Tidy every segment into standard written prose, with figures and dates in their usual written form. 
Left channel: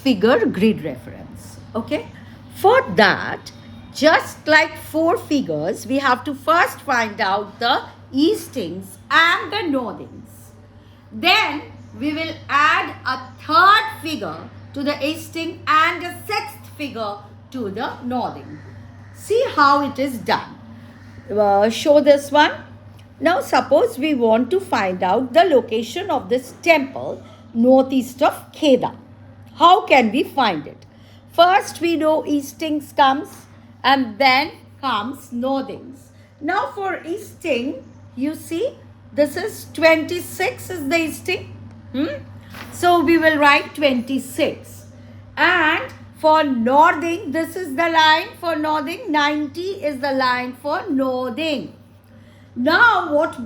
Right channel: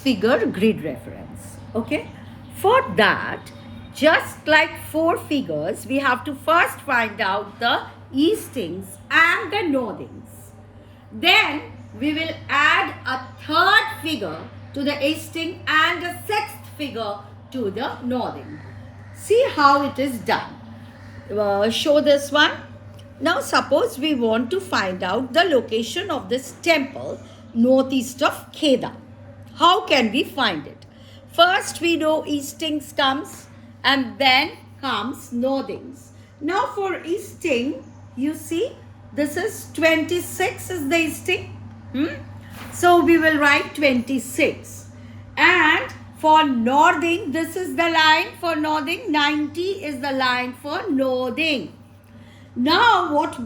6-figure grid reference. Okay. For that, just like 4 figures, we have to first find out the eastings and the northings. Then we will add a third figure to the easting and a sixth figure to the northing. See how it is done. Show this one. Now suppose we want to find out the location of this temple northeast of Kheda. How can we find it? First we know eastings comes and then comes northings. Now for easting, you see this is 26 is the easting. So we will write 26. And for northing, this is the line for northing. 90 is the line for northing. Now what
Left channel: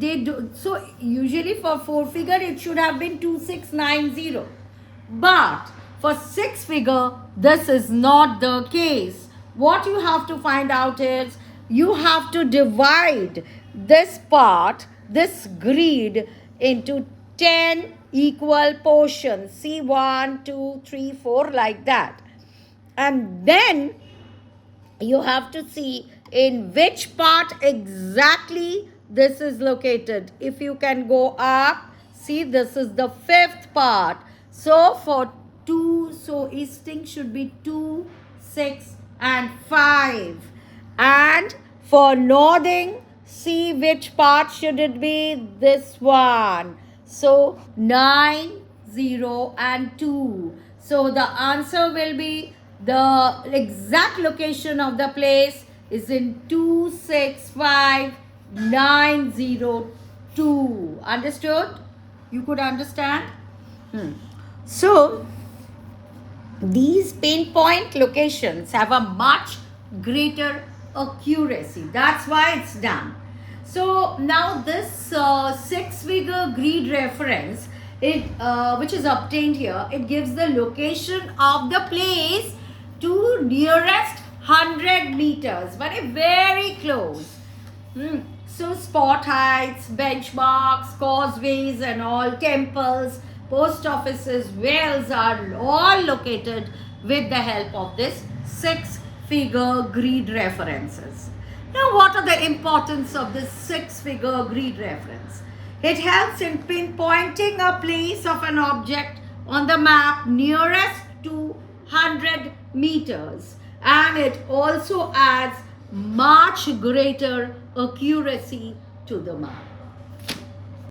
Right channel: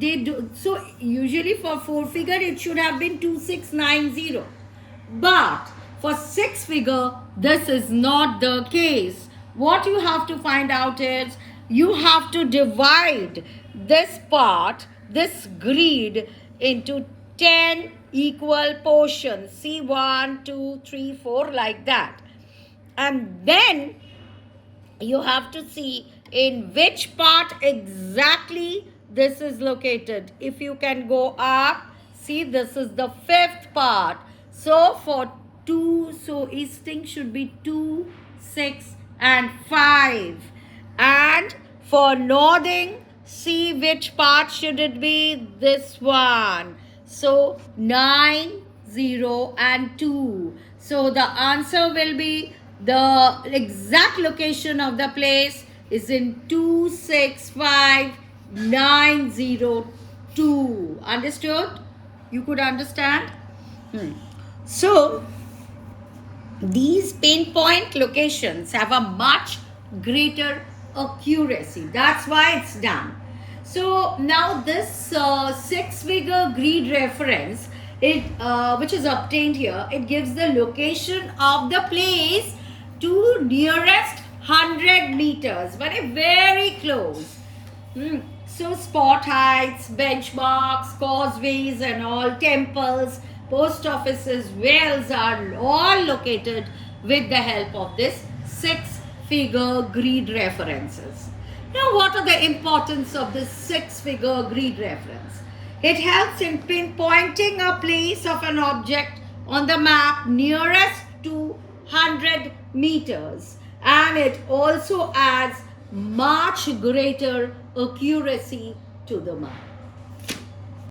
they do, so usually for 4 figure it should have been 2690. But for 6 figure, this is not the case. What you have to find out is, you have to divide this part, this grid, into 10 equal portions. See, 1, 2, 3, 4, like that. And then you have to see in which part exactly this is located. If you can go up, see, this is the 5th part. So for 2, so easting should be 2, 6 and 5. And for northing, see which part should it be? This one. So 9, 0 and 2. So the answer will be, the exact location of the place is in 265902. Understood? You could understand? So these pinpoint locations have a much greater accuracy. That's why it's done. So now this 6-figure grid reference, which is obtained here, it gives the location of the place to nearest 100 meters, but very close. So spot heights, benchmarks, causeways and all, temples, post offices, wells are all located with the help of this 6-figure grid references. Now what are the importance of this 6-figure grid reference? It helps in pinpointing a place of an object on the map nearest to 100 meters, and it also adds much greater accuracy to the map.